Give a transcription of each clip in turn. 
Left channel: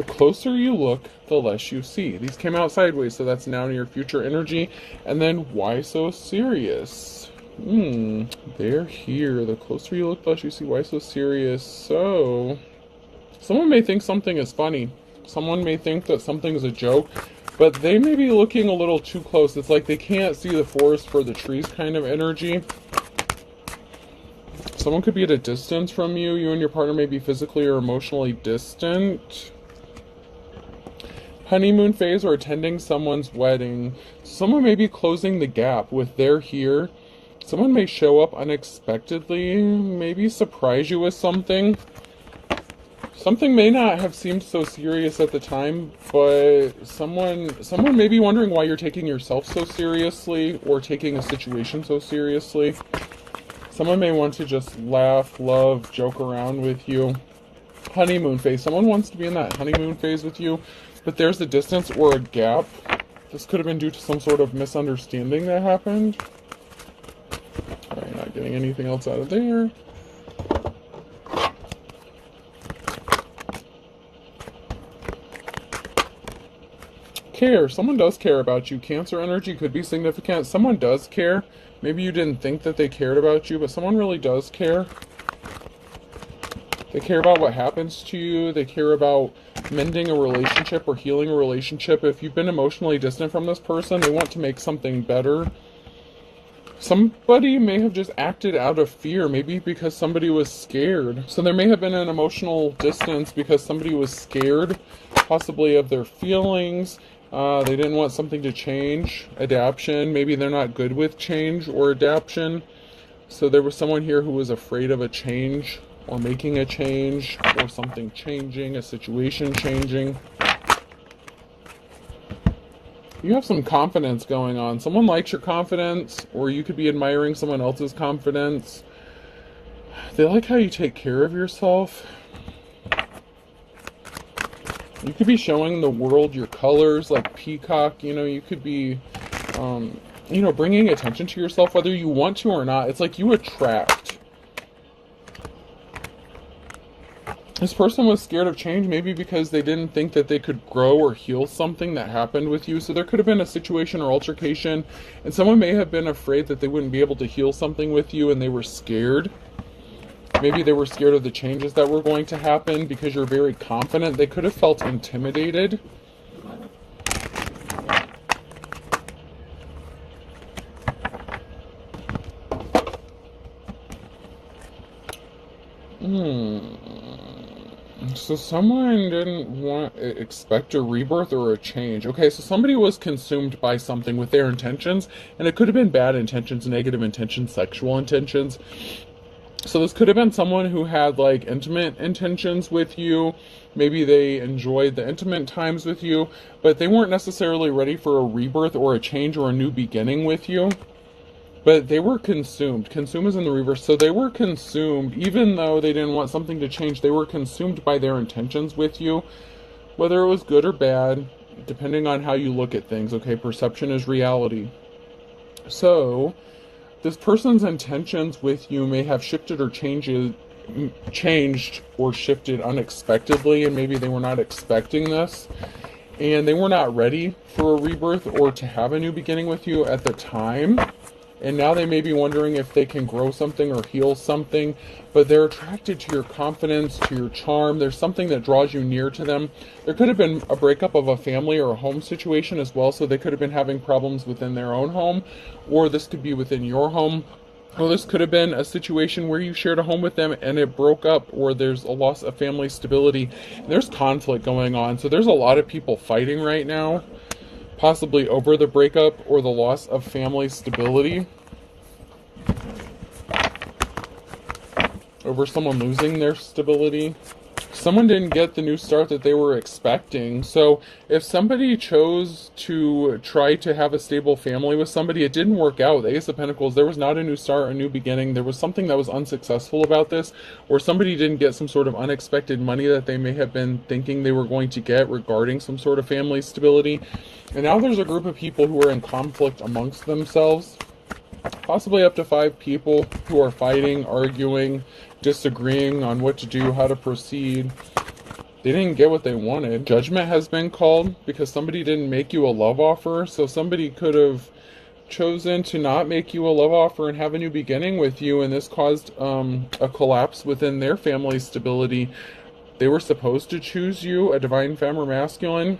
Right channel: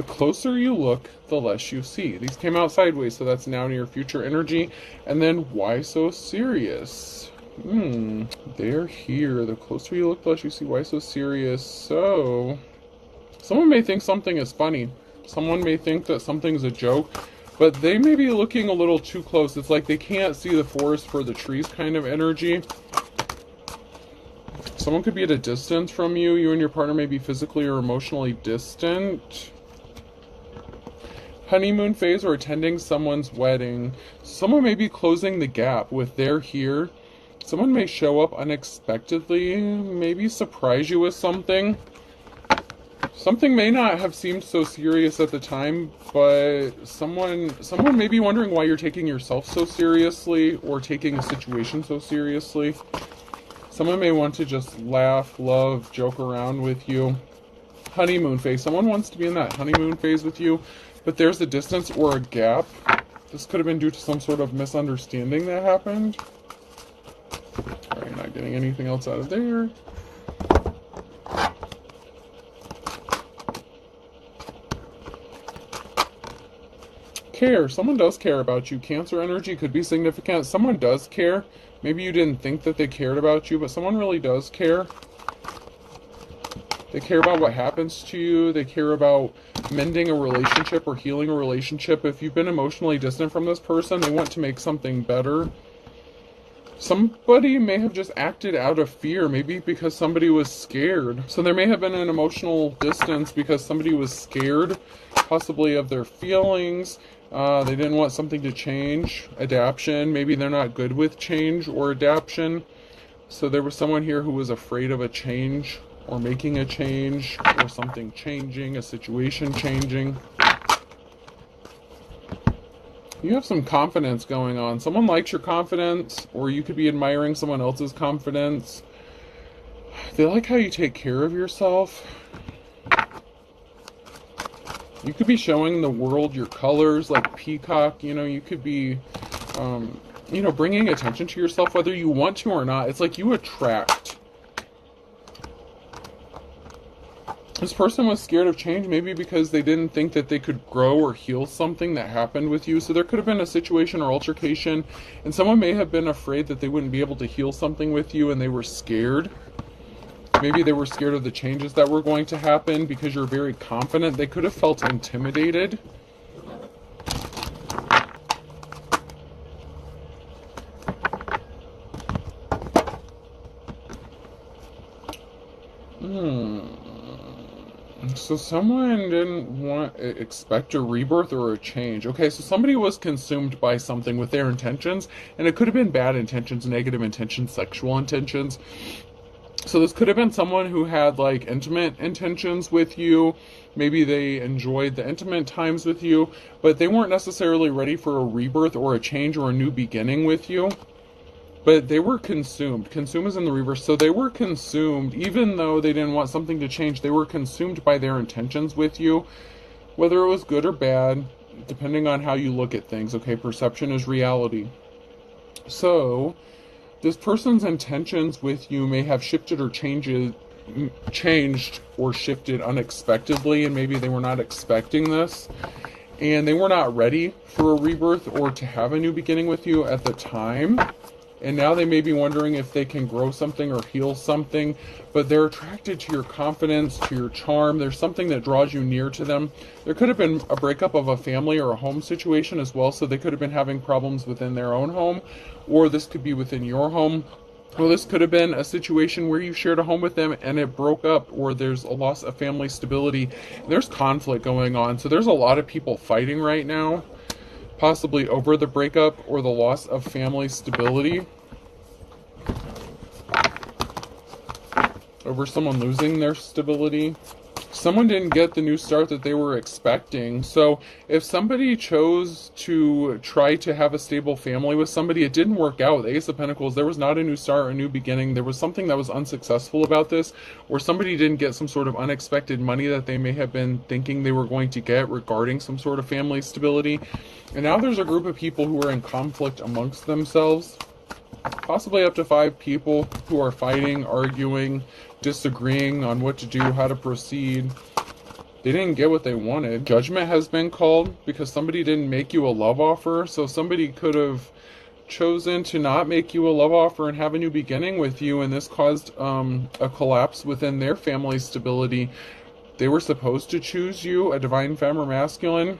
The closer you look, the less you see. These came out sideways, so that's now near future energy. And then, why so serious? They're here. The closer you look, the less you see. Why so serious? So, someone may think something is funny. Someone may think that something's a joke, but they may be looking a little too close. It's like they can't see the forest for the trees kind of energy. Someone could be at a distance from you. You and your partner may be physically or emotionally distant. Honeymoon phase or attending someone's wedding. Someone may be closing the gap with they're here. Someone may show up unexpectedly, maybe surprise you with something. Something may not have seemed so serious at the time, but someone may be wondering why you're taking yourself so seriously or taking a situation so seriously. Someone may want to just laugh, love, joke around with you. Honeymoon phase. Someone wants to be in that honeymoon phase with you, but there's a distance or a gap. This could have been due to some sort of misunderstanding that happened. I'm not getting anything else out of there. Care. Someone does care about you. Cancer energy could be significant. Someone does care. Maybe you didn't think that they cared about you, but someone really does care. They care about what happens to you. They care about mending a relationship or healing a relationship. If you've been emotionally distant from this person, they want to make something better. Somebody may have just acted out of fear, maybe because somebody was scared. So there may have been an emotional distance because somebody was scared, possibly of their feelings. They didn't want something to change. Adaption. Maybe they're not good with change or adaption. So there was someone here who was afraid of a change or making a change or something changing, a situation changing. You have some confidence going on. Someone likes your confidence, or you could be admiring someone else's confidence. They like how you take care of yourself. You could be showing the world your colors like peacock. You could be, bringing attention to yourself whether you want to or not. It's like you attract. This person was scared of change, maybe because they didn't think that they could grow or heal something that happened with you. So there could have been a situation or altercation, and someone may have been afraid that they wouldn't be able to heal something with you, and they were scared. Maybe they were scared of the changes that were going to happen because you're very confident. They could have felt intimidated. So someone didn't expect a rebirth or a change. Okay, so somebody was consumed by something with their intentions, and it could have been bad intentions, negative intentions, sexual intentions. So this could have been someone who had like intimate intentions with you. Maybe they enjoyed the intimate times with you, but they weren't necessarily ready for a rebirth or a change or a new beginning with you. But they were consumed. Consume is in the reverse. So they were consumed, even though they didn't want something to change. They were consumed by their intentions with you, whether it was good or bad, depending on how you look at things. Okay, perception is reality. So this person's intentions with you may have shifted or changed or shifted unexpectedly, and maybe they were not expecting this. And they were not ready for a rebirth or to have a new beginning with you at the time. And now they may be wondering if they can grow something or heal something, but they're attracted to your confidence, to your charm. There's something that draws you near to them. There could have been a breakup of a family or a home situation as well, so they could have been having problems within their own home, or this could be within your home. Or this could have been a situation where you shared a home with them and it broke up, or there's a loss of family stability. There's conflict going on, so there's a lot of people fighting right now, possibly over the breakup or the loss of family stability, over someone losing their stability. Someone didn't get the new start that they were expecting. So if somebody chose to try to have a stable family with somebody, it didn't work out. The Ace of Pentacles, there was not a new start, a new beginning. There was something that was unsuccessful about this, or somebody didn't get some sort of unexpected money that they may have been thinking they were going to get regarding some sort of family stability. And now there's a group of people who are in conflict amongst themselves, possibly up to 5 people who are fighting, arguing, disagreeing on what to do, how to proceed. They didn't get what they wanted. Judgment has been called because somebody didn't make you a love offer. So somebody could have chosen to not make you a love offer and have a new beginning with you, and this caused a collapse within their family stability. They were supposed to choose you, a divine femme or masculine,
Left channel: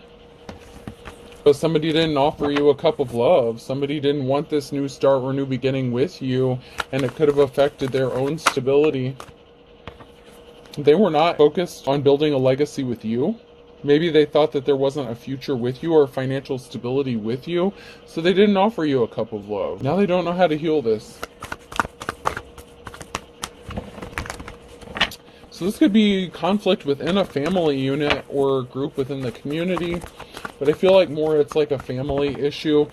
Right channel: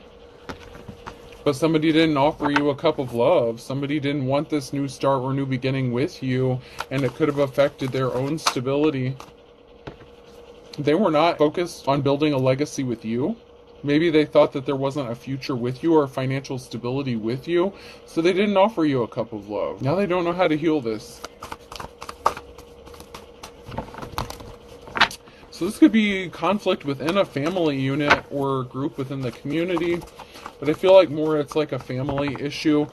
but somebody didn't offer you a cup of love. Somebody didn't want this new start or new beginning with you, and it could have affected their own stability. They were not focused on building a legacy with you. Maybe they thought that there wasn't a future with you or financial stability with you, so they didn't offer you a cup of love. Now they don't know how to heal this. So this could be conflict within a family unit or group within the community, but I feel like more it's like a family issue.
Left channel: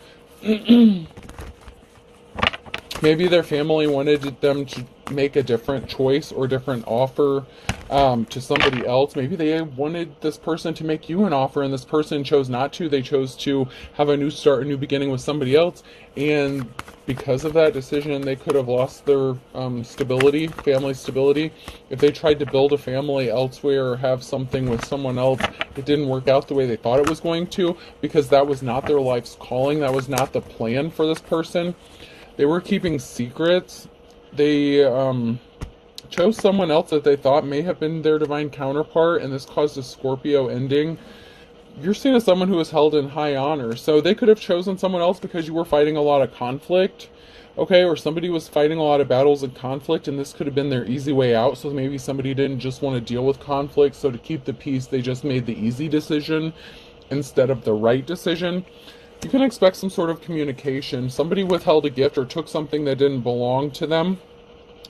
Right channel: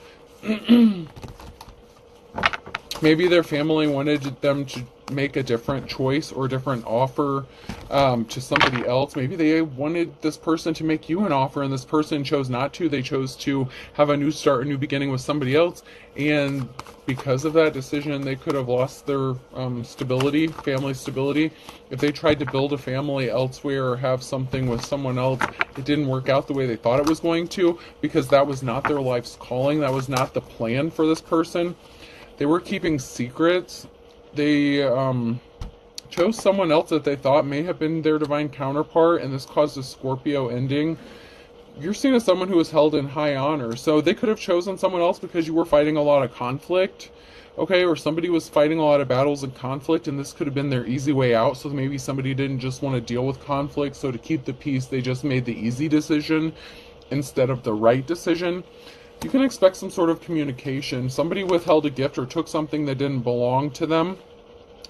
Maybe their family wanted them to make a different choice or different offer to somebody else. Maybe they wanted this person to make you an offer and this person chose not to. They chose to have a new start, a new beginning with somebody else. And because of that decision, they could have lost their stability, family stability. If they tried to build a family elsewhere or have something with someone else, it didn't work out the way they thought it was going to, because that was not their life's calling. That was not the plan for this person. They were keeping secrets. They chose someone else that they thought may have been their divine counterpart, and this caused a Scorpio ending. You're seen as someone who is held in high honor, so they could have chosen someone else because you were fighting a lot of conflict, okay, or somebody was fighting a lot of battles and conflict, and this could have been their easy way out. So maybe somebody didn't just want to deal with conflict, so to keep the peace, they just made the easy decision instead of the right decision. You can expect some sort of communication. Somebody withheld a gift or took something that didn't belong to them.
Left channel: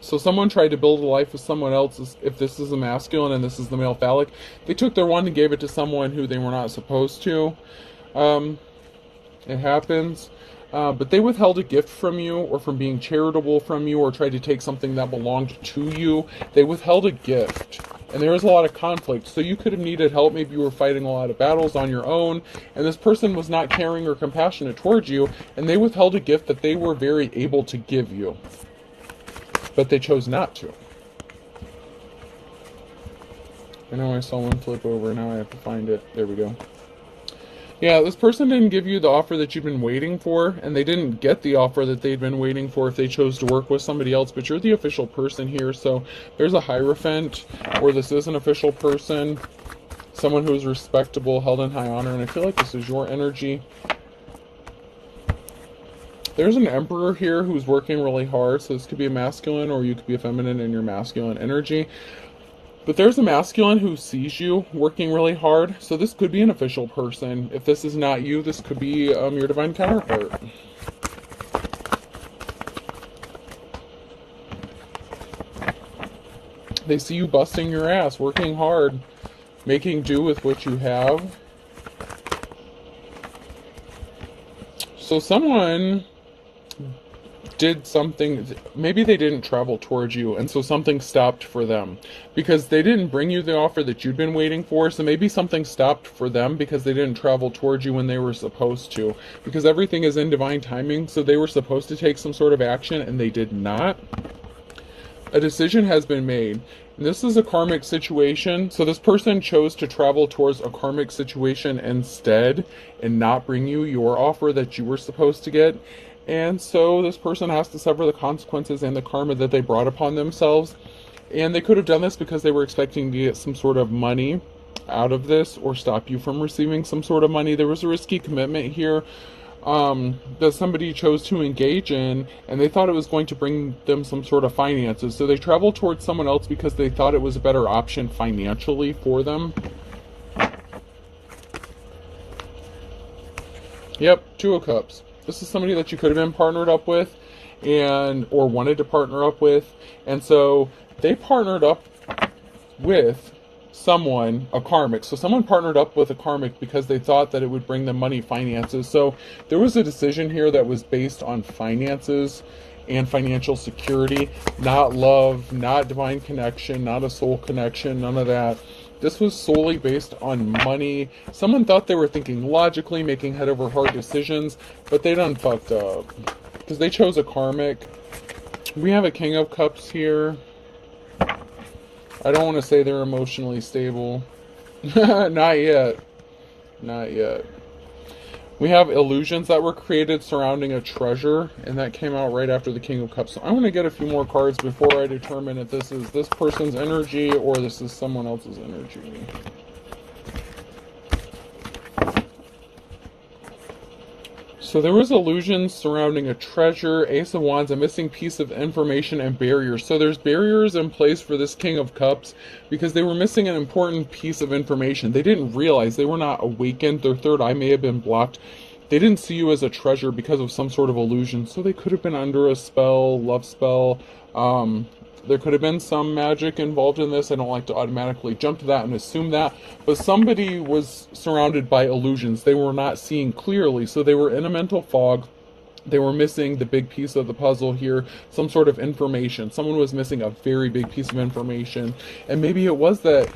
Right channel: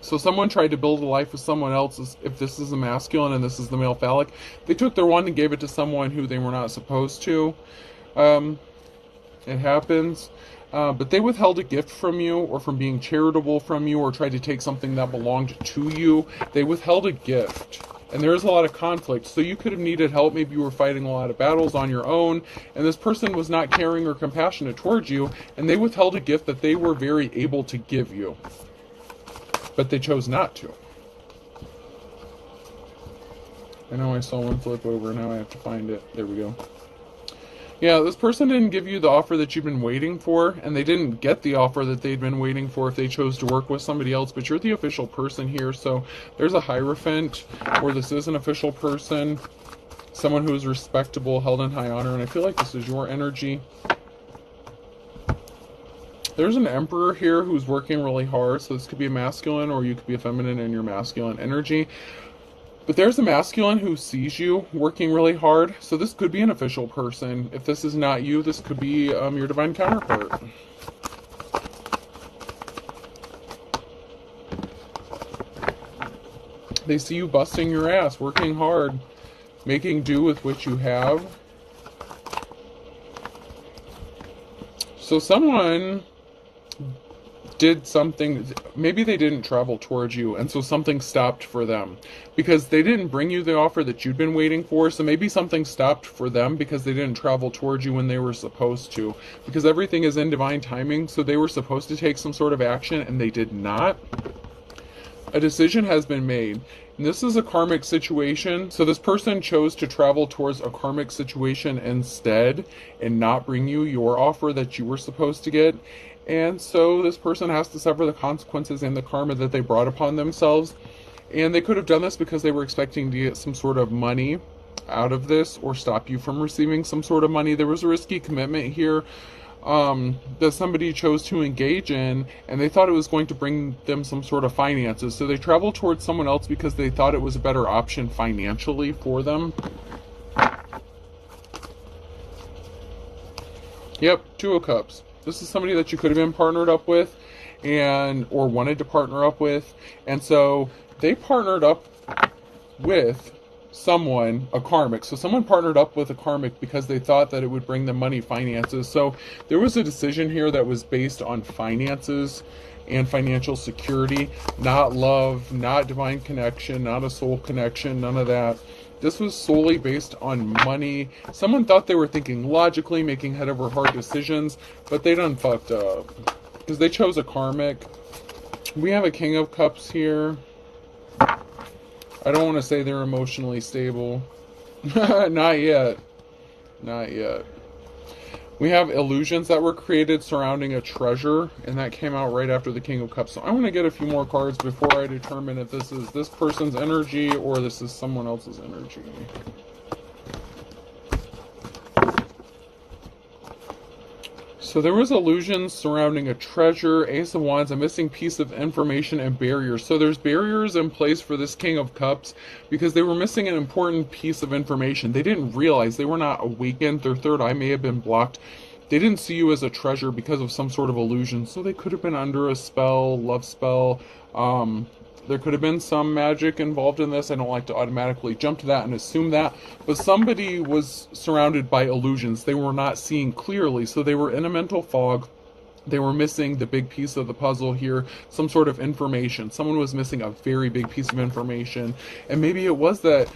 So someone tried to build a life with someone else. If this is a masculine and this is the male phallic, they took their one and gave it to someone who they were not supposed to. It happens. But they withheld a gift from you, or from being charitable from you, or tried to take something that belonged to you. They withheld a gift. And there is a lot of conflict, so you could have needed help. Maybe you were fighting a lot of battles on your own, and this person was not caring or compassionate towards you, and they withheld a gift that they were very able to give you. But they chose not to. I know I saw one flip over, now I have to find it. There we go. Yeah, this person didn't give you the offer that you've been waiting for, and they didn't get the offer that they'd been waiting for if they chose to work with somebody else, but you're the official person here, so there's a Hierophant where this is an official person, someone who is respectable, held in high honor, and I feel like this is your energy. There's an Emperor here who's working really hard, so this could be a masculine, or you could be a feminine in your masculine energy. But there's a masculine who sees you working really hard, so this could be an official person. If this is not you, this could be your divine counterpart. They see you busting your ass, working hard, making do with what you have. So someone did something, maybe they didn't travel towards you, and so something stopped for them because they didn't bring you the offer that you'd been waiting for. So maybe something stopped for them because they didn't travel towards you when they were supposed to, because everything is in divine timing. So they were supposed to take some sort of action and they did not. A decision has been made, and this is a karmic situation. So this person chose to travel towards a karmic situation instead and not bring you your offer that you were supposed to get. And so this person has to suffer the consequences and the karma that they brought upon themselves. And they could have done this because they were expecting to get some sort of money out of this, or stop you from receiving some sort of money. There was a risky commitment here that somebody chose to engage in, and they thought it was going to bring them some sort of finances. So they traveled towards someone else because they thought it was a better option financially for them. Yep, Two of Cups. This is somebody that you could have been partnered up with, or wanted to partner up with. And so they partnered up with someone, a karmic. So someone partnered up with a karmic because they thought that it would bring them money, finances. So there was a decision here that was based on finances and financial security, not love, not divine connection, not a soul connection, none of that. This was solely based on money. Someone thought they were thinking logically, making head over heart decisions, but they done fucked up because they chose a karmic. We have a King of Cups here. I don't want to say they're emotionally stable. Not yet. Not yet. We have illusions that were created surrounding a treasure, and that came out right after the King of Cups. So I want to get a few more cards before I determine if this is this person's energy or this is someone else's energy. So there was illusions surrounding a treasure, Ace of Wands, a missing piece of information, and barriers. So there's barriers in place for this King of Cups because they were missing an important piece of information. They didn't realize, they were not awakened. Their third eye may have been blocked. They didn't see you as a treasure because of some sort of illusion. So they could have been under a spell, love spell. There could have been some magic involved in this. I don't like to automatically jump to that and assume that. But somebody was surrounded by illusions. They were not seeing clearly. So they were in a mental fog. They were missing the big piece of the puzzle here. Some sort of information. Someone was missing a very big piece of information. And maybe it was that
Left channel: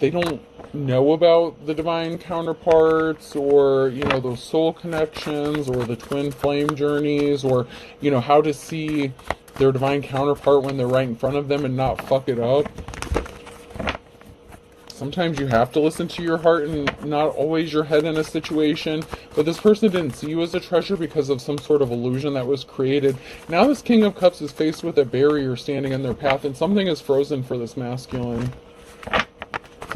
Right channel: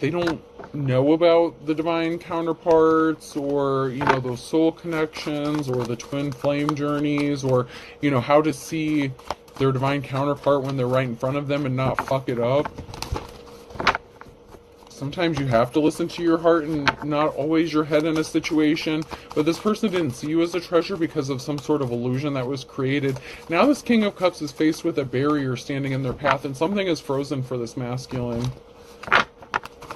they don't know about the divine counterparts, or those soul connections, or the twin flame journeys, or how to see their divine counterpart when they're right in front of them and not fuck it up. Sometimes you have to listen to your heart and not always your head in a situation. But this person didn't see you as a treasure because of some sort of illusion that was created. Now this King of Cups is faced with a barrier standing in their path, and something is frozen for this masculine.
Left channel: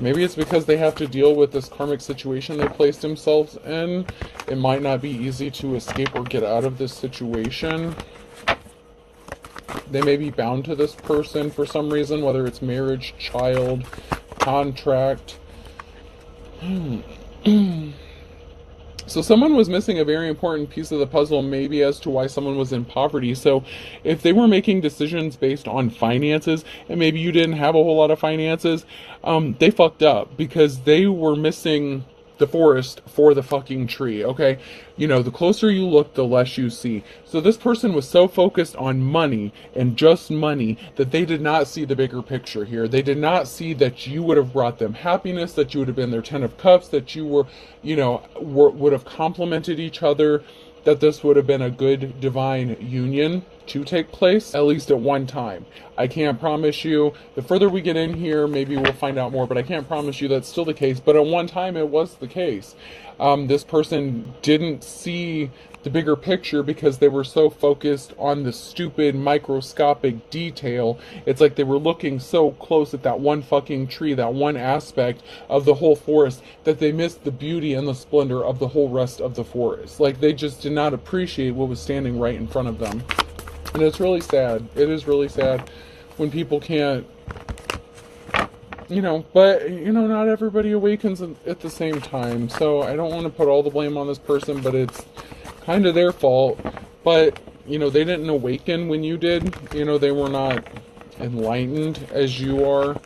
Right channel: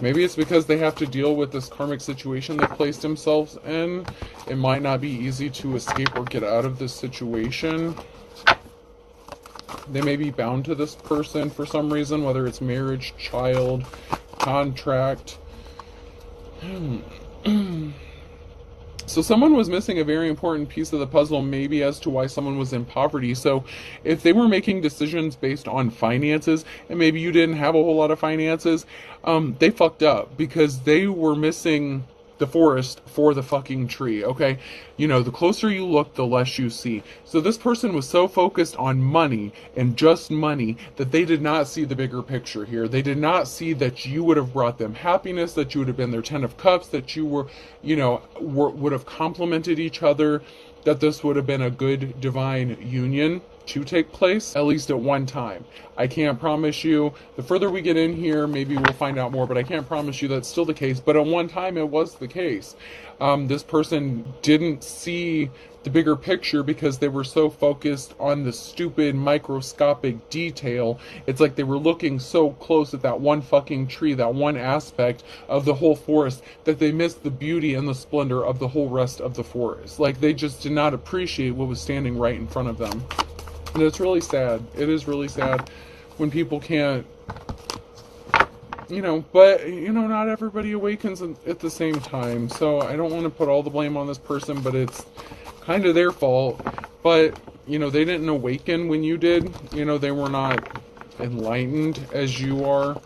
Maybe it's because they have to deal with this karmic situation they placed themselves in. It might not be easy to escape or get out of this situation. They may be bound to this person for some reason, whether it's marriage, child, contract. So someone was missing a very important piece of the puzzle, maybe as to why someone was in poverty. So if they were making decisions based on finances, and maybe you didn't have a whole lot of finances, they fucked up because they were missing the forest for the fucking tree, okay? The closer you look, the less you see. So this person was so focused on money and just money that they did not see the bigger picture here. They did not see that you would have brought them happiness, that you would have been their 10 of Cups, that you were, would have complemented each other, that this would have been a good divine union to take place, at least at one time. I can't promise you, the further we get in here, maybe we'll find out more, but I can't promise you that's still the case. But at one time it was the case. This person didn't see the bigger picture because they were so focused on the stupid microscopic detail. It's like they were looking so close at that one fucking tree, that one aspect of the whole forest, that they missed the beauty and the splendor of the whole rest of the forest. Like they just did not appreciate what was standing right in front of them. And it's really sad. It is really sad when people can't, but, not everybody awakens at the same time. So I don't want to put all the blame on this person, but it's kind of their fault. But, they didn't awaken when you did. They were not enlightened as you are.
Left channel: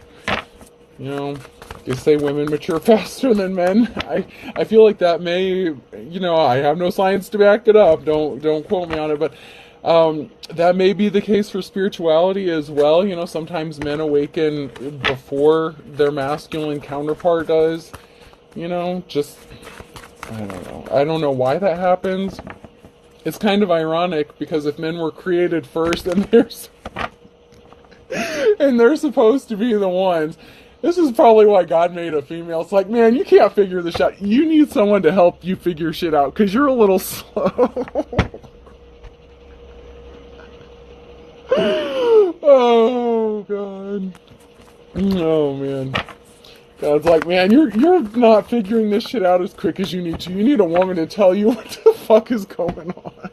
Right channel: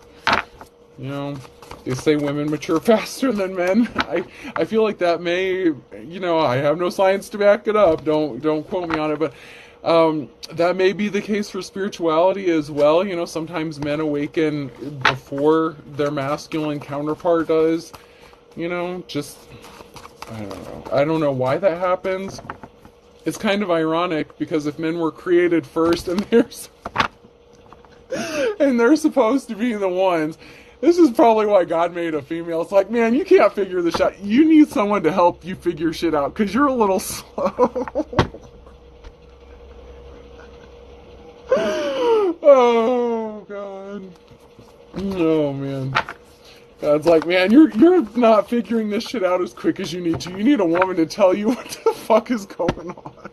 You say women mature faster than men. I feel like that may, I have no science to back it up. Don't quote me on it, but that may be the case for spirituality as well. Sometimes men awaken before their masculine counterpart does. Just, I don't know. I don't know why that happens. It's kind of ironic because if men were created first and they're supposed to be the ones, this is probably why God made a female. It's like, man, you can't figure this out. You need someone to help you figure shit out because you're a little slow. Oh, God. Oh, man. God's like, man, you're not figuring this shit out as quick as you need to. You need a woman to tell you what the fuck is going on.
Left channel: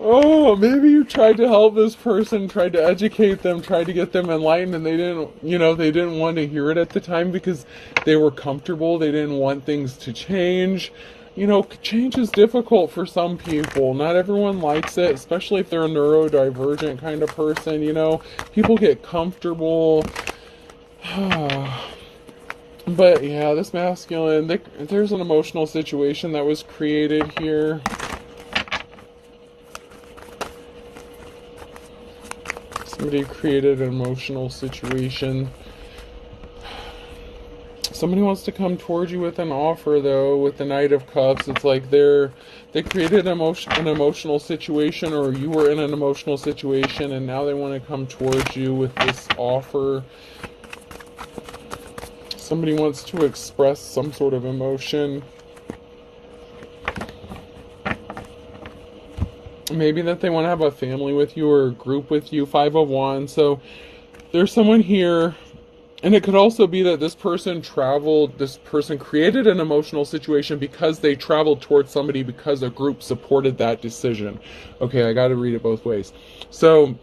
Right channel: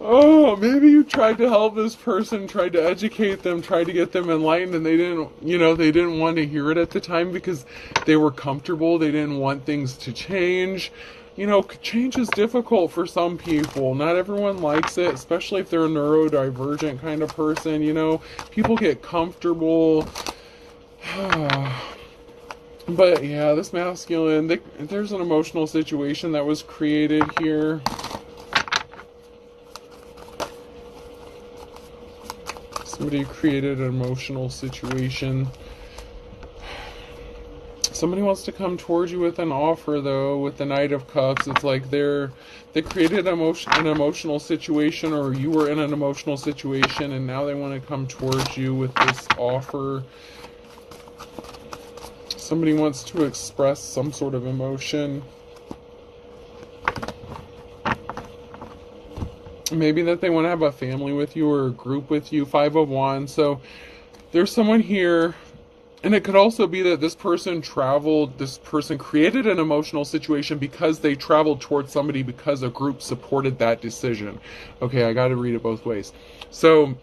Oh, maybe you tried to help this person, tried to educate them, tried to get them enlightened, and they didn't want to hear it at the time because they were comfortable. They didn't want things to change. Change is difficult for some people. Not everyone likes it, especially if they're a neurodivergent kind of person, People get comfortable. But yeah, this masculine, there's an emotional situation that was created here. Somebody created an emotional situation. Somebody wants to come towards you with an offer, though, with the Knight of Cups. It's like they created an emotional situation, or you were in an emotional situation, and now they want to come towards you with this offer. Somebody wants to express some sort of emotion. Maybe that they want to have a family with you or a group with you. 5 of Wands. So there's someone here. And it could also be that this person created an emotional situation because they traveled towards somebody because a group supported that decision. Okay, I got to read it both ways. So,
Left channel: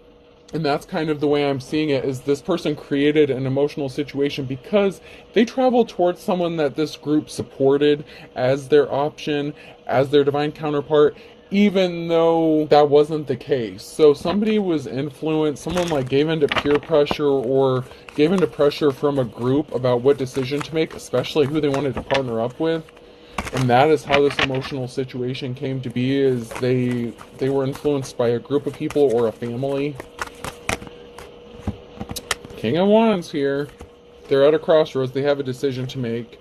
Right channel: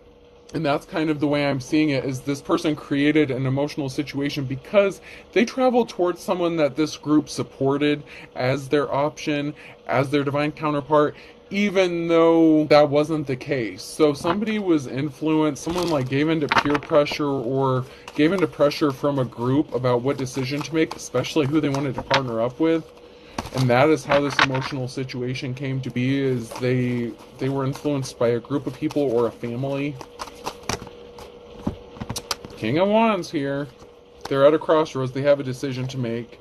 and that's kind of the way I'm seeing it, is this person created an emotional situation because they traveled towards someone that this group supported as their option, as their divine counterpart, even though that wasn't the case. So somebody was influenced, someone like gave into peer pressure or gave into pressure from a group about what decision to make, especially who they wanted to partner up with. And that is how this emotional situation came to be, is they were influenced by a group of people or a family. King of Wands here. They're at a crossroads. They have a decision to make.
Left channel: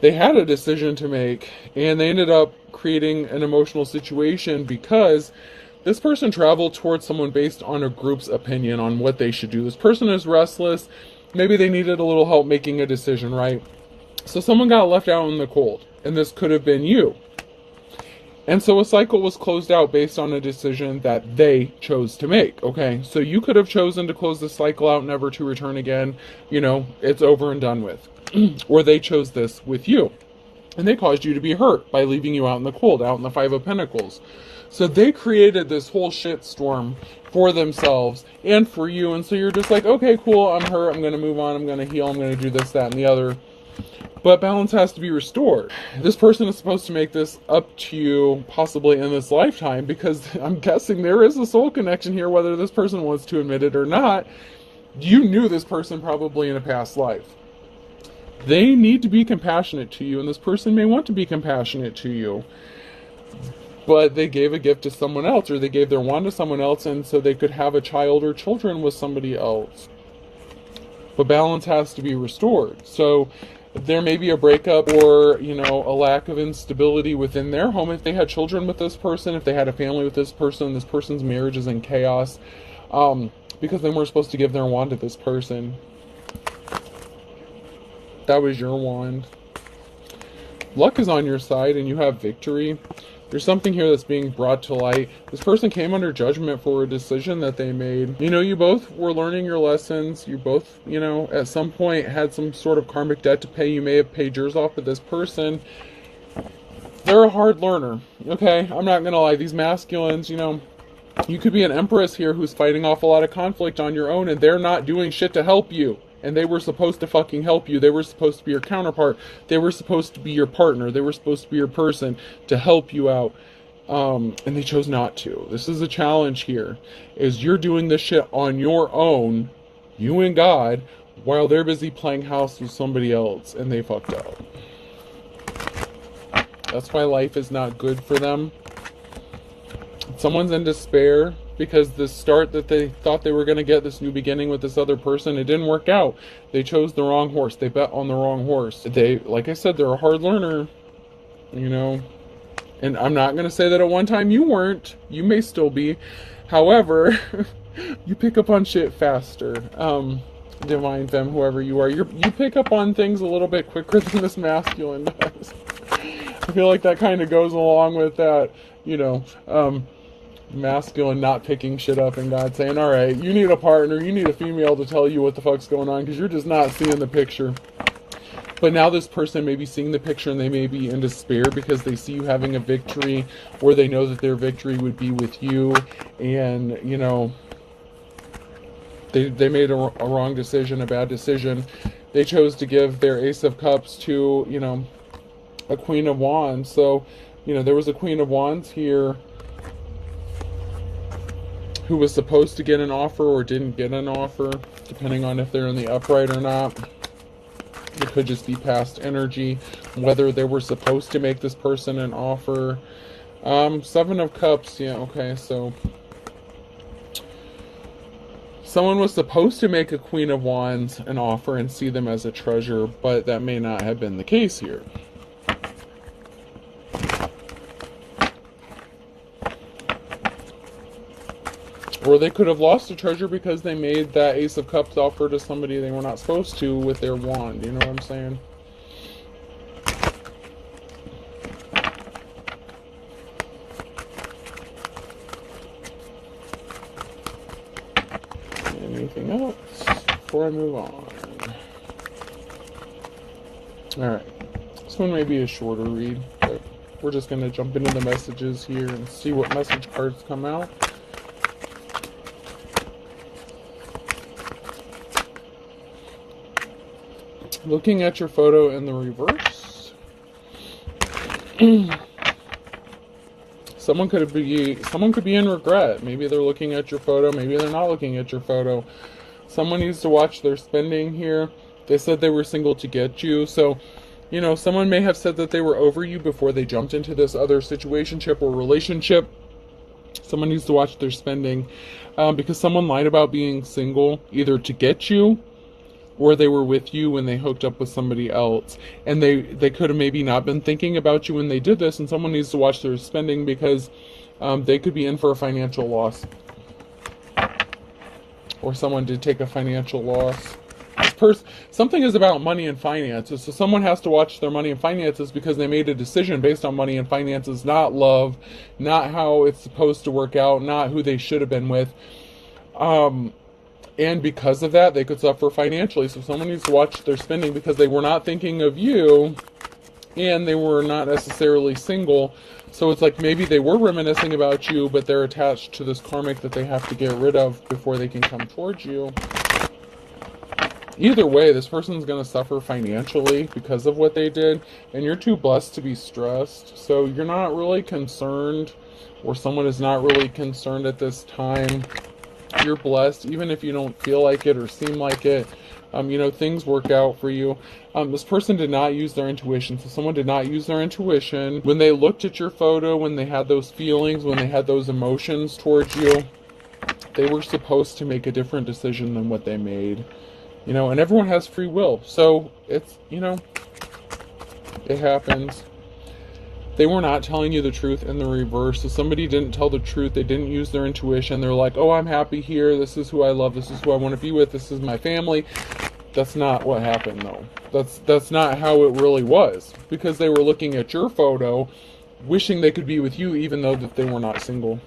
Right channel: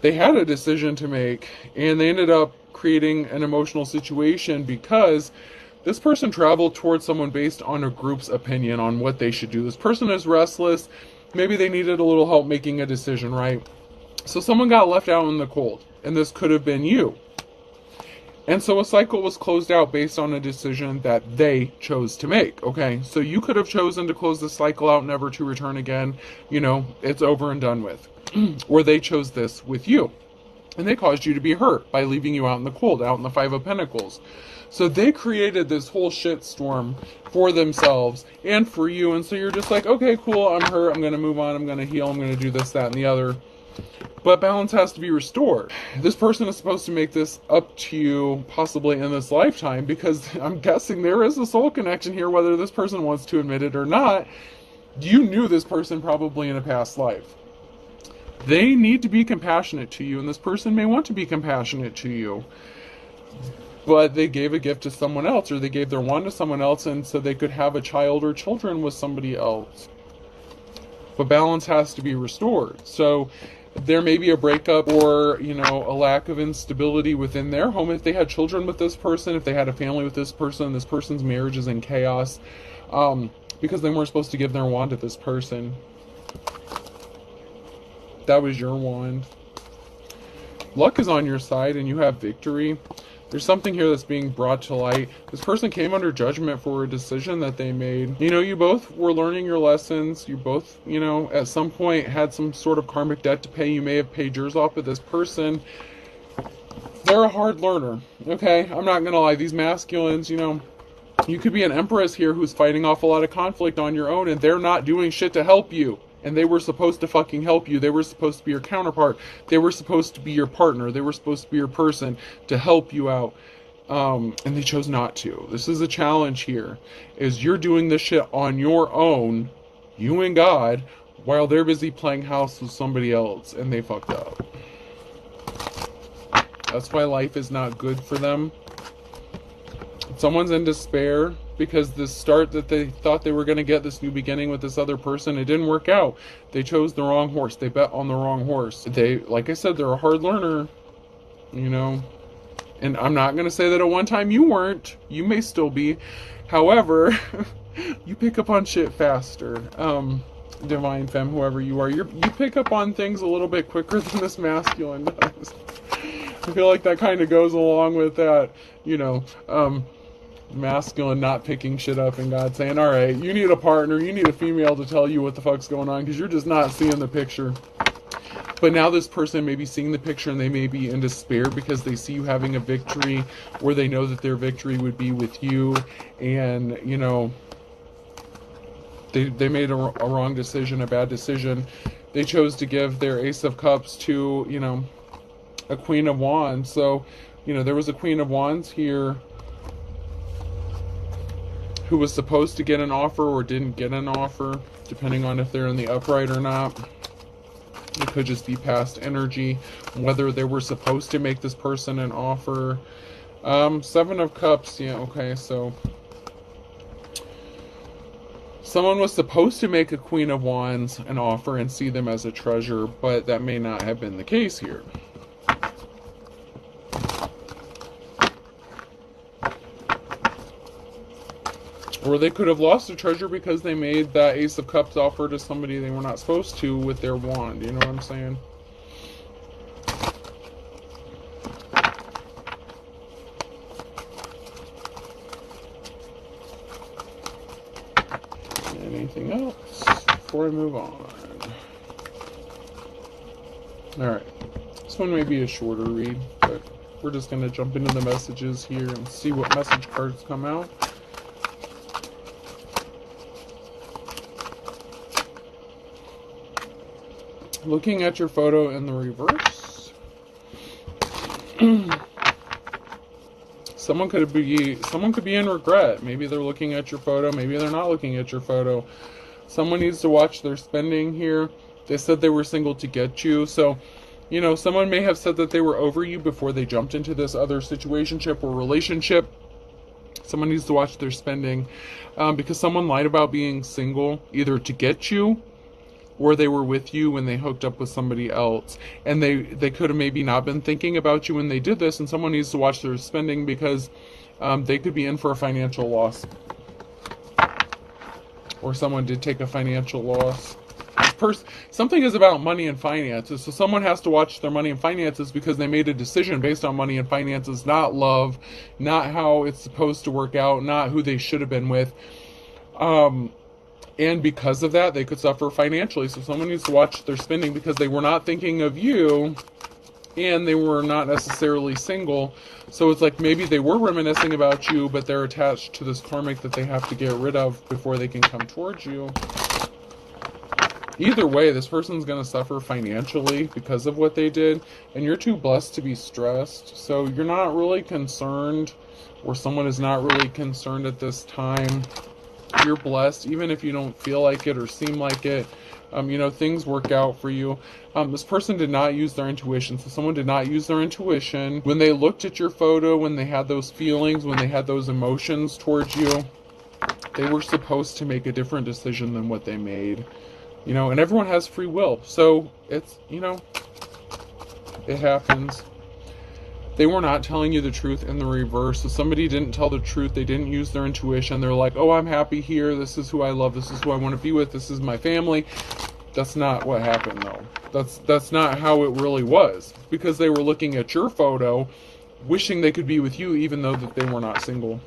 They had a decision to make, and they ended up creating an emotional situation because this person traveled towards someone based on a group's opinion on what they should do. This person is restless. Maybe they needed a little help making a decision, right? So someone got left out in the cold, and this could have been you. And so a cycle was closed out based on a decision that they chose to make, okay? So you could have chosen to close the cycle out, never to return again. You know, it's over and done with. Or they chose this with you. And they caused you to be hurt by leaving you out in the cold, out in the 5 of Pentacles. So they created this whole shitstorm for themselves and for you. And so you're just like, okay, cool, I'm hurt, I'm going to move on, I'm going to heal, I'm going to do this, that, and the other. But balance has to be restored. This person is supposed to make this up to you possibly in this lifetime, because I'm guessing there is a soul connection here, whether this person wants to admit it or not. You knew this person probably in a past life. They need to be compassionate to you, and this person may want to be compassionate to you. But they gave a gift to someone else, or they gave their wand to someone else, and so they could have a child or children with somebody else. But balance has to be restored. So there may be a breakup or, you know, a lack of instability within their home. If they had children with this person, if they had a family with this person's marriage is in chaos, because they weren't supposed to give their wand to this person. That was your wand. Luck is on your side and you have victory. There's something here that's being brought to light. This person came under judgment for a decision that they made. You know, you both were learning your lessons. You both, you know, at some point had some sort of karmic debt to pay. You may have paid yours off, but this person, they're a hard learner. Okay, I'm not gonna lie. These masculines, you know, you could be an empress here who's fighting off a lot of conflict on your own, and they're not doing shit to help you. And they were supposed to fucking help you. They were supposed to be your counterpart. They were supposed to be your partner. They were supposed to be your person to help you out. And they chose not to. This is a challenge here, is you're doing this shit on your own, you and God, while they're busy playing house with somebody else, and they fucked up. That's why life is not good for them. Someone's in despair because this start that they thought they were going to get, this new beginning with this other person, it didn't work out. They chose the wrong horse. They bet on the wrong horse. They, like I said, they're a hard learner, you know. And I'm not going to say that at one time you weren't. You may still be. However, you pick up on shit faster. Divine femme, whoever you are, you pick up on things a little bit quicker than this masculine does. I feel like that kind of goes along with that, you know, masculine not picking shit up and God saying, all right, you need a partner, you need a female to tell you what the fuck's going on, because you're just not seeing the picture. But now this person may be seeing the picture, and they may be in despair because they see you having a victory, or they know that their victory would be with you, and, you know, they made a wrong decision, a bad decision. They chose to give their Ace of Cups to, you know, a Queen of Wands. So, you know, there was a Queen of Wands here who was supposed to get an offer or didn't get an offer, depending on if they're in the upright or not. It could just be past energy, whether they were supposed to make this person an offer. 7 of Cups, yeah, okay, so someone was supposed to make a Queen of Wands an offer and see them as a treasure, but that may not have been the case here. Or they could have lost a treasure because they made that Ace of Cups offer to somebody they were not supposed to with their wand. You know what I'm saying? And anything else before I move on? Alright. This one may be a shorter read, but we're just going to jump into the messages here and see what message cards come out. Looking at your photo in the reverse. Someone could be in regret. Maybe they're looking at your photo, maybe they're not looking at your photo. Someone needs to watch their spending here. They said they were single to get you, so you know, someone may have said that they were over you before they jumped into this other situationship or relationship. Someone needs to watch their spending because someone lied about being single either to get you or they were with you when they hooked up with somebody else. And they could have maybe not been thinking about you when they did this, and someone needs to watch their spending because they could be in for a financial loss. Or someone did take a financial loss. Something is about money and finances, so someone has to watch their money and finances because they made a decision based on money and finances, not love, not how it's supposed to work out, not who they should have been with. And because of that, they could suffer financially. So someone needs to watch their spending because they were not thinking of you and they were not necessarily single. So it's like maybe they were reminiscing about you, but they're attached to this karmic that they have to get rid of before they can come towards you. Either way, this person's going to suffer financially because of what they did, and you're too blessed to be stressed. So you're not really concerned, or someone is not really concerned at this time. You're blessed, even if you don't feel like it or seem like it. You know, things work out for you. This person did not use their intuition. So someone did not use their intuition. When they looked at your photo, when they had those feelings, when they had those emotions towards you, they were supposed to make a different decision than what they made. You know, and everyone has free will. So it's, you know, it happens. They were not telling you the truth in the reverse. So somebody didn't tell the truth. They didn't use their intuition. They're like, oh, I'm happy here. This is who I love. This is who I want to be with. This is my family. That's not what happened, though. That's not how it really was. Because they were looking at your photo, wishing they could be with you, even though that they were not single.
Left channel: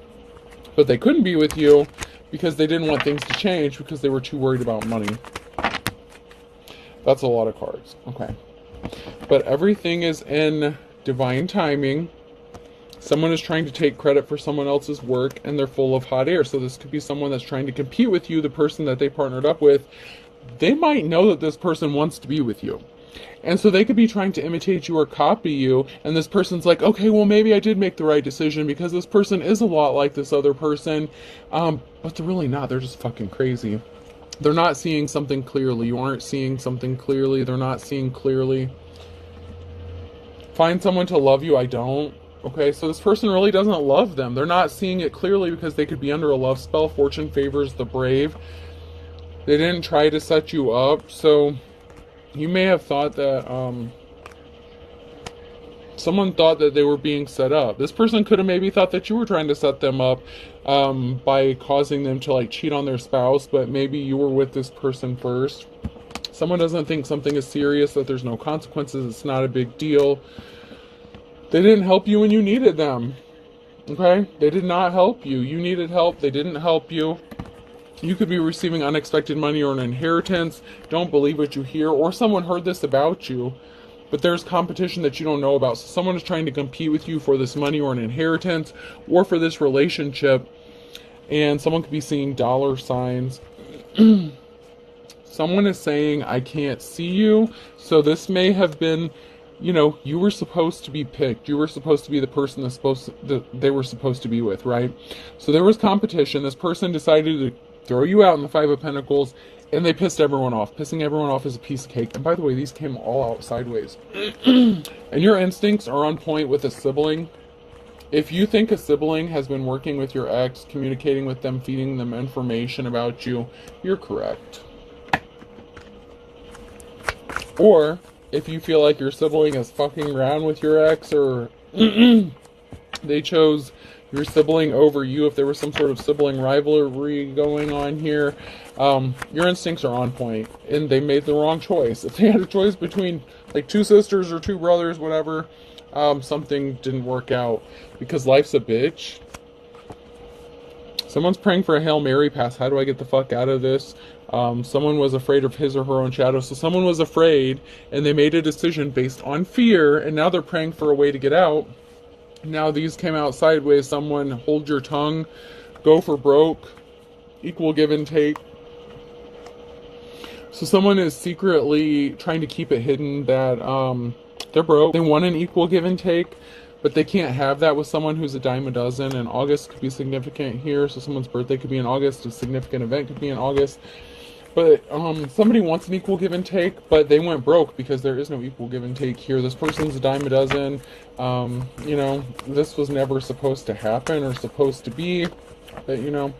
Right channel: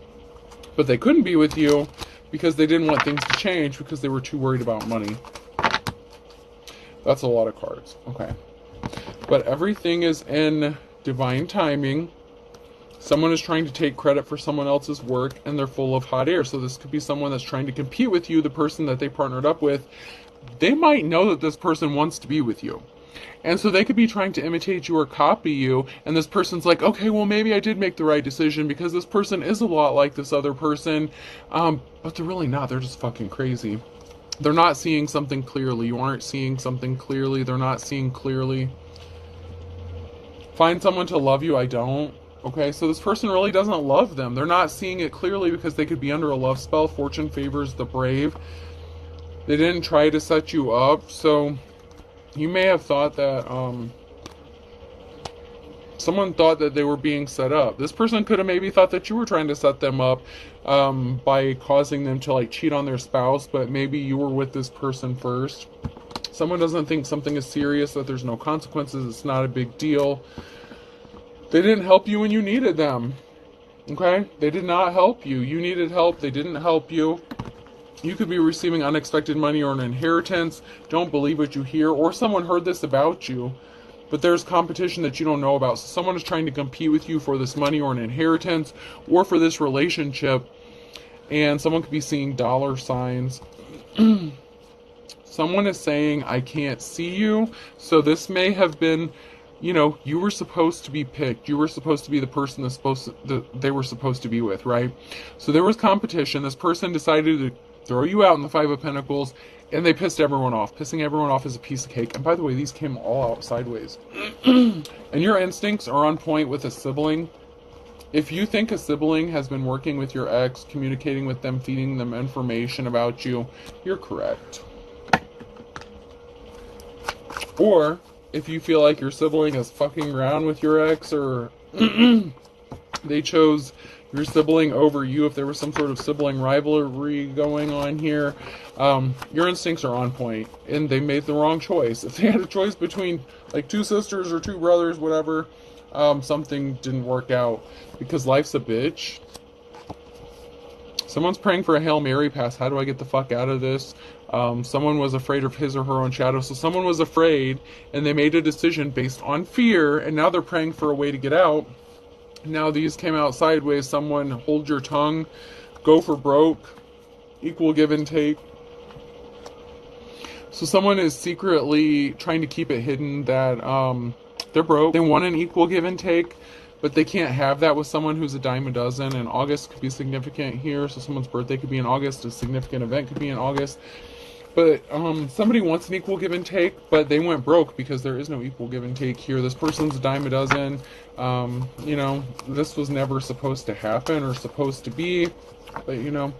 But they couldn't be with you because they didn't want things to change because they were too worried about money. That's a lot of cards. Okay. But everything is in divine timing. Someone is trying to take credit for someone else's work and they're full of hot air. So this could be someone that's trying to compete with you, the person that they partnered up with. They might know that this person wants to be with you. And so they could be trying to imitate you or copy you. And this person's like, okay, well, maybe I did make the right decision because this person is a lot like this other person. But they're really not. They're just fucking crazy. They're not seeing something clearly. You aren't seeing something clearly. They're not seeing clearly. Find someone to love you. I don't. Okay, so this person really doesn't love them. They're not seeing it clearly because they could be under a love spell. Fortune favors the brave. They didn't try to set you up. So you may have thought that someone thought that they were being set up. This person could have maybe thought that you were trying to set them up by causing them to like cheat on their spouse, but maybe you were with this person first. Someone doesn't think something is serious, that there's no consequences, it's not a big deal. They didn't help you when you needed them. Okay? They did not help you. You needed help. They didn't help you. You could be receiving unexpected money or an inheritance. Don't believe what you hear. Or someone heard this about you. But there's competition that you don't know about. So someone is trying to compete with you for this money or an inheritance or for this relationship. And someone could be seeing dollar signs. Someone is saying, I can't see you. So this may have been, you know, you were supposed to be picked. You were supposed to be the person that they were supposed to be with, right? So there was competition. This person decided to throw you out in the Five of Pentacles, and they pissed everyone off. Pissing everyone off is a piece of cake. And by the way, these came all out sideways. And your instincts are on point with a sibling. If you think a sibling has been working with your ex, communicating with them, feeding them information about you, you're correct. Or if you feel like your sibling is fucking around with your ex, or they chose your sibling over you, if there was some sort of sibling rivalry going on here. Your instincts are on point, and they made the wrong choice. If they had a choice between like two sisters or two brothers, whatever, something didn't work out because life's a bitch. Someone's praying for a Hail Mary pass. How do I get the fuck out of this? Someone was afraid of his or her own shadow. So someone was afraid and they made a decision based on fear, and now they're praying for a way to get out. Now these came out sideways. Someone, hold your tongue, go for broke, equal give and take. So someone is secretly trying to keep it hidden that they're broke. They want an equal give and take, but they can't have that with someone who's a dime a dozen. And August could be significant here. So someone's birthday could be in August. A significant event could be in August. But somebody wants an equal give and take, but they went broke because there is no equal give and take here. This person's a dime a dozen. You know, this was never supposed to happen or supposed to be. But, you know,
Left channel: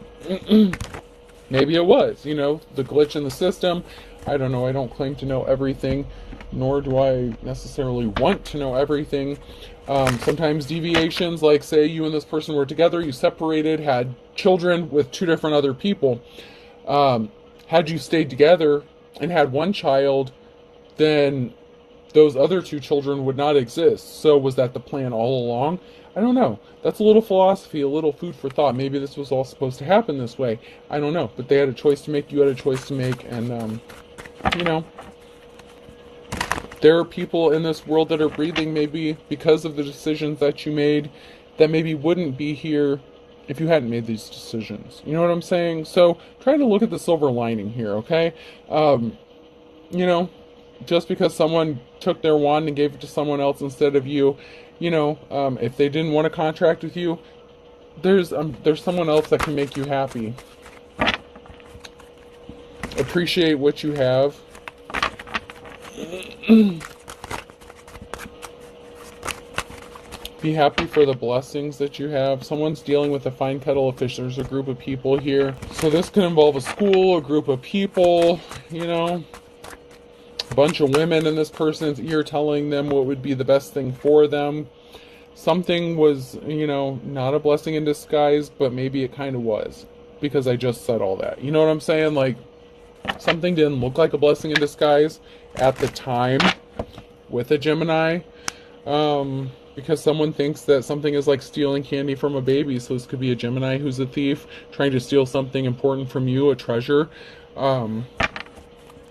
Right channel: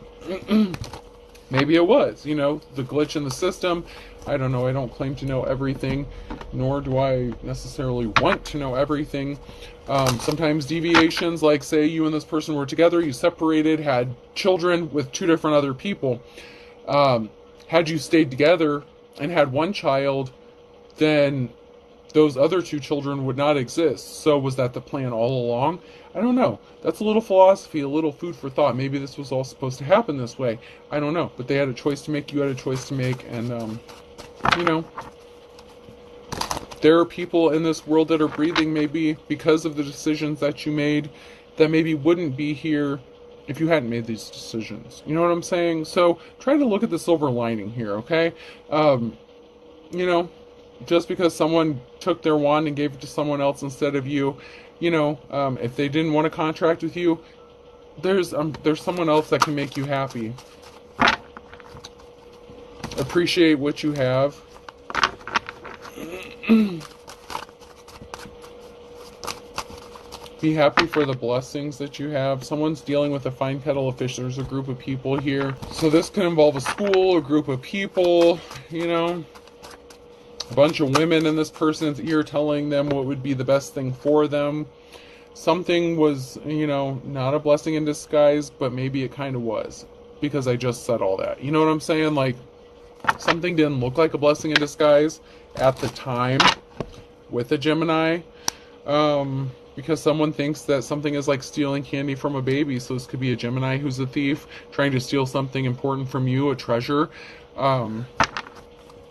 maybe it was, you know, the glitch in the system. I don't know. I don't claim to know everything, nor do I necessarily want to know everything. Sometimes deviations, like say you and this person were together, you separated, had children with two different other people. Had you stayed together and had one child, then those other two children would not exist. So was that the plan all along? I don't know. That's a little philosophy, a little food for thought. Maybe this was all supposed to happen this way. I don't know. But they had a choice to make. You had a choice to make. And, you know, there are people in this world that are breathing maybe because of the decisions that you made that maybe wouldn't be here if you hadn't made these decisions. You know what I'm saying? So try to look at the silver lining here, okay? You know, just because someone took their wand and gave it to someone else instead of you, you know, if they didn't want to contract with you, there's someone else that can make you happy. Appreciate what you have. Be happy for the blessings that you have. Someone's dealing with a fine kettle of fish. There's a group of people here. So this could involve a school, a group of people, you know, a bunch of women in this person's ear telling them what would be the best thing for them. Something was, you know, not a blessing in disguise, but maybe it kind of was, because I just said all that. You know what I'm saying? Like, something didn't look like a blessing in disguise at the time with a Gemini. Because someone thinks that something is like stealing candy from a baby. So this could be a Gemini who's a thief trying to steal something important from you, a treasure.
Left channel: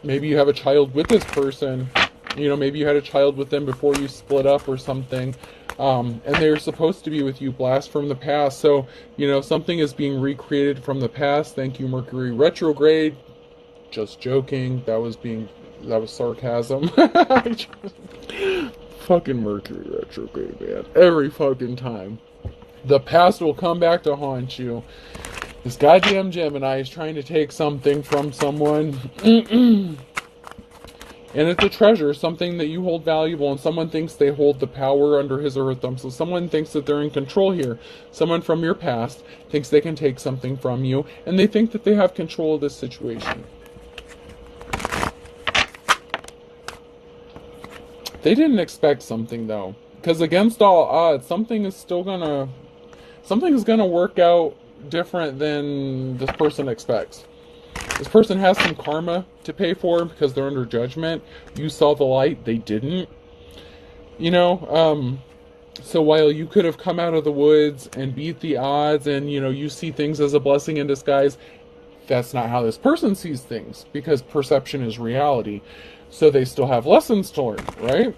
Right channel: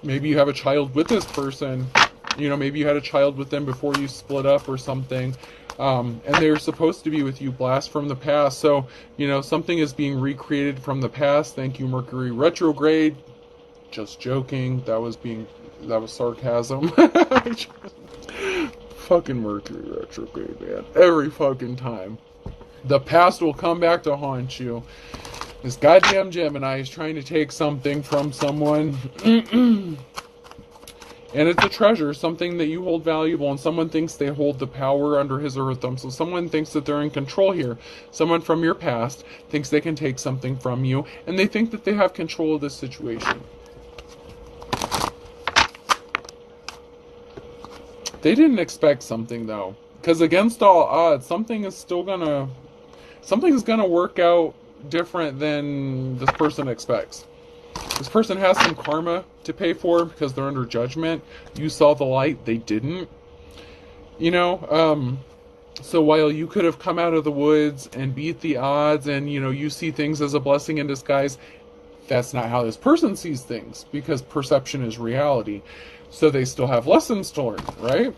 Maybe you have a child with this person. You know, maybe you had a child with them before you split up or something. And they're supposed to be with you, blast from the past. So, you know, something is being recreated from the past. Thank you, Mercury retrograde. Just joking. That was sarcasm. Fucking Mercury retrograde, man. Every fucking time. The past will come back to haunt you. This goddamn Gemini is trying to take something from someone. And it's a treasure, something that you hold valuable, and someone thinks they hold the power under his or her thumb. So someone thinks that they're in control here. Someone from your past thinks they can take something from you, and they think that they have control of this situation. They didn't expect something, though, because against all odds, something is gonna work out different than this person expects. This person has some karma to pay for because they're under judgment. You saw the light, they didn't. You know, so while you could have come out of the woods and beat the odds, and you know, you see things as a blessing in disguise, that's not how this person sees things, because perception is reality. So they still have lessons to learn, right?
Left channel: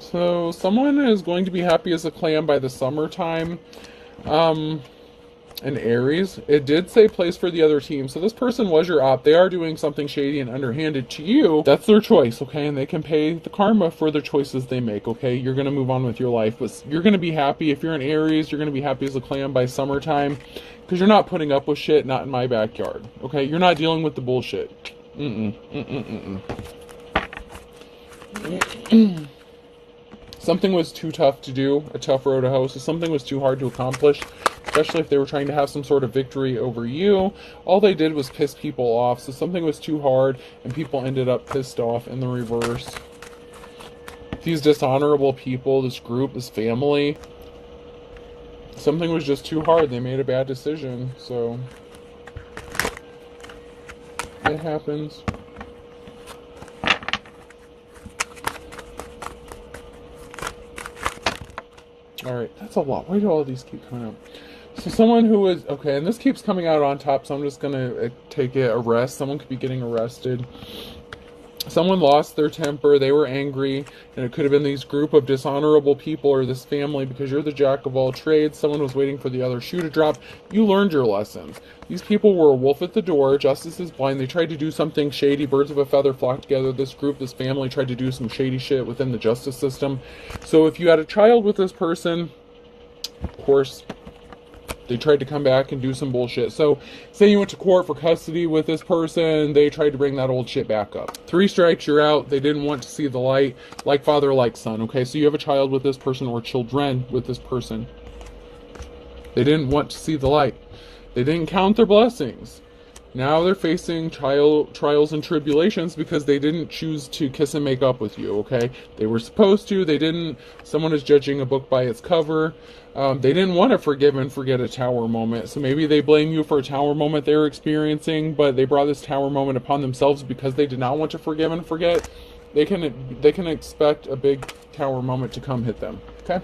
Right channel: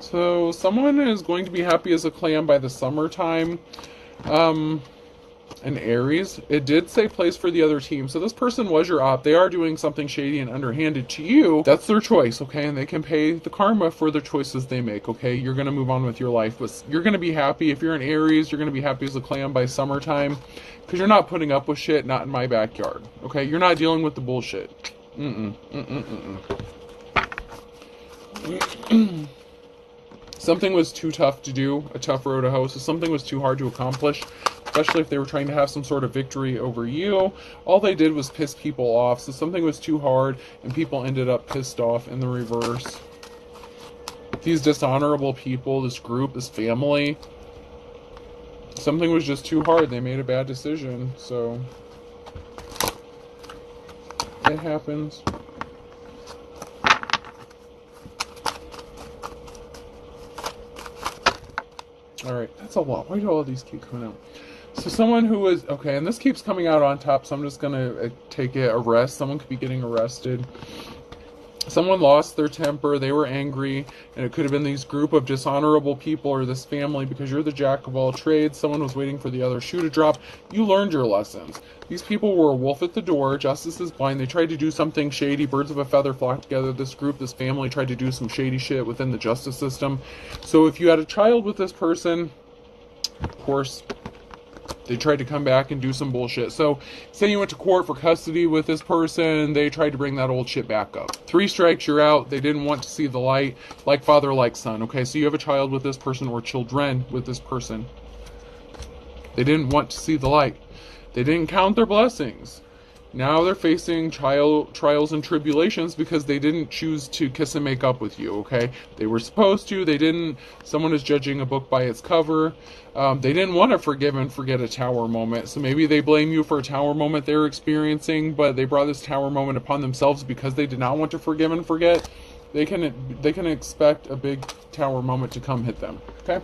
So someone is going to be happy as a clam by the summertime. An Aries. It did say place for the other team. So this person was your op. They are doing something shady and underhanded to you. That's their choice, okay? And they can pay the karma for the choices they make, okay? You're going to move on with your life. But you're going to be happy. If you're an Aries, you're going to be happy as a clam by summertime. Because you're not putting up with shit, not in my backyard, okay? You're not dealing with the bullshit. Something was too tough to do, a tough road to hoe. So something was too hard to accomplish, especially if they were trying to have some sort of victory over you. All they did was piss people off. So something was too hard, and people ended up pissed off in the reverse. These dishonorable people, this group, this family, something was just too hard. They made a bad decision, so it happens. Alright, that's a lot. Why do all of these keep coming out? So someone who was, okay, and this keeps coming out on top, so I'm just going to take it, arrest. Someone could be getting arrested. Someone lost their temper, they were angry, and it could have been these group of dishonorable people or this family because you're the jack of all trades. Someone was waiting for the other shoe to drop. You learned your lessons. These people were a wolf at the door. Justice is blind. They tried to do something shady. Birds of a feather flock together. This group, this family tried to do some shady shit within the justice system. So if you had a child with this person, of course, they tried to come back and do some bullshit. So, say you went to court for custody with this person, they tried to bring that old shit back up. 3 strikes, you're out. They didn't want to see the light. Like father, like son. Okay, so you have a child with this person or children with this person. They didn't want to see the light. They didn't count their blessings. Now they're facing trials and tribulations because they didn't choose to kiss and make up with you, okay? They were supposed to, they didn't. Someone is judging a book by its cover. They didn't want to forgive and forget a tower moment, so maybe they blame you for a tower moment they're experiencing, but they brought this tower moment upon themselves because they did not want to forgive and forget. They can expect a big tower moment to come hit them, okay?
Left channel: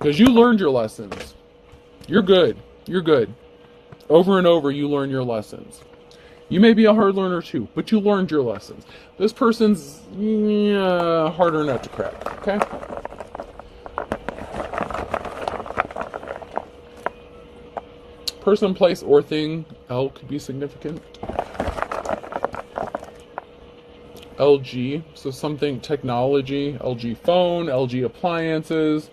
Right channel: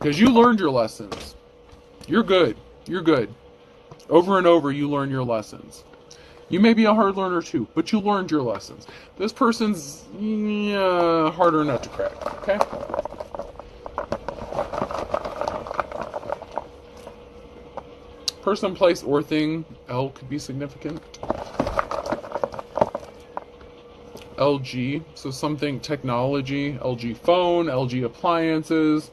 Because you learned your lessons. You're good. You're good. Over and over, you learn your lessons. You may be a hard learner too, but you learned your lessons. This person's harder nut to crack, okay? Person, place, or thing. L could be significant. LG, so something technology. LG phone, LG appliances.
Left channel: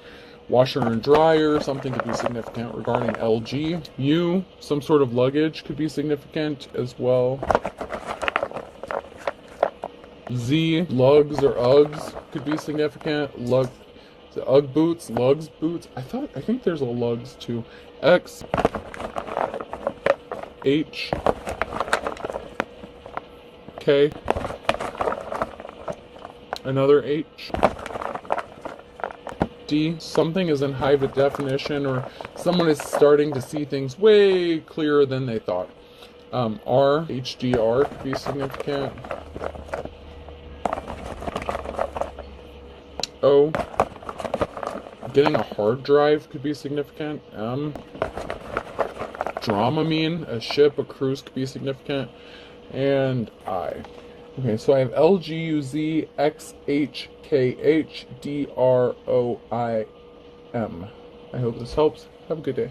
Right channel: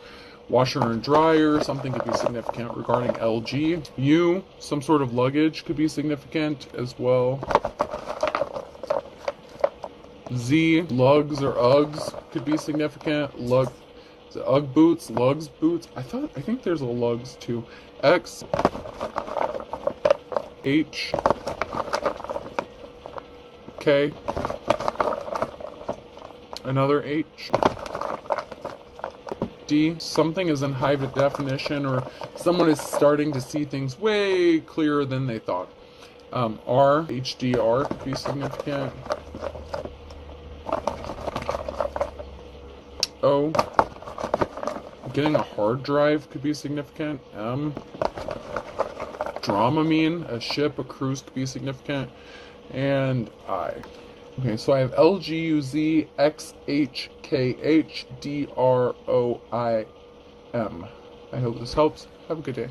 Washer and dryer, something could be significant regarding LG. U, some sort of luggage could be significant as well. Z, lugs or Uggs could be significant. Lug, is it Ugg boots, lugs boots? I think there's a lugs too. X, H, K, another H. D, something is in high definition or someone is starting to see things way clearer than they thought. R, HDR could be significant. O, getting a hard drive could be significant. M, Dramamine, a ship, a cruise could be significant. And I. Okay, so I have L, G, U, Z, X, H, K, H, D, R, O, I, M. I hope this helps. Have a good day.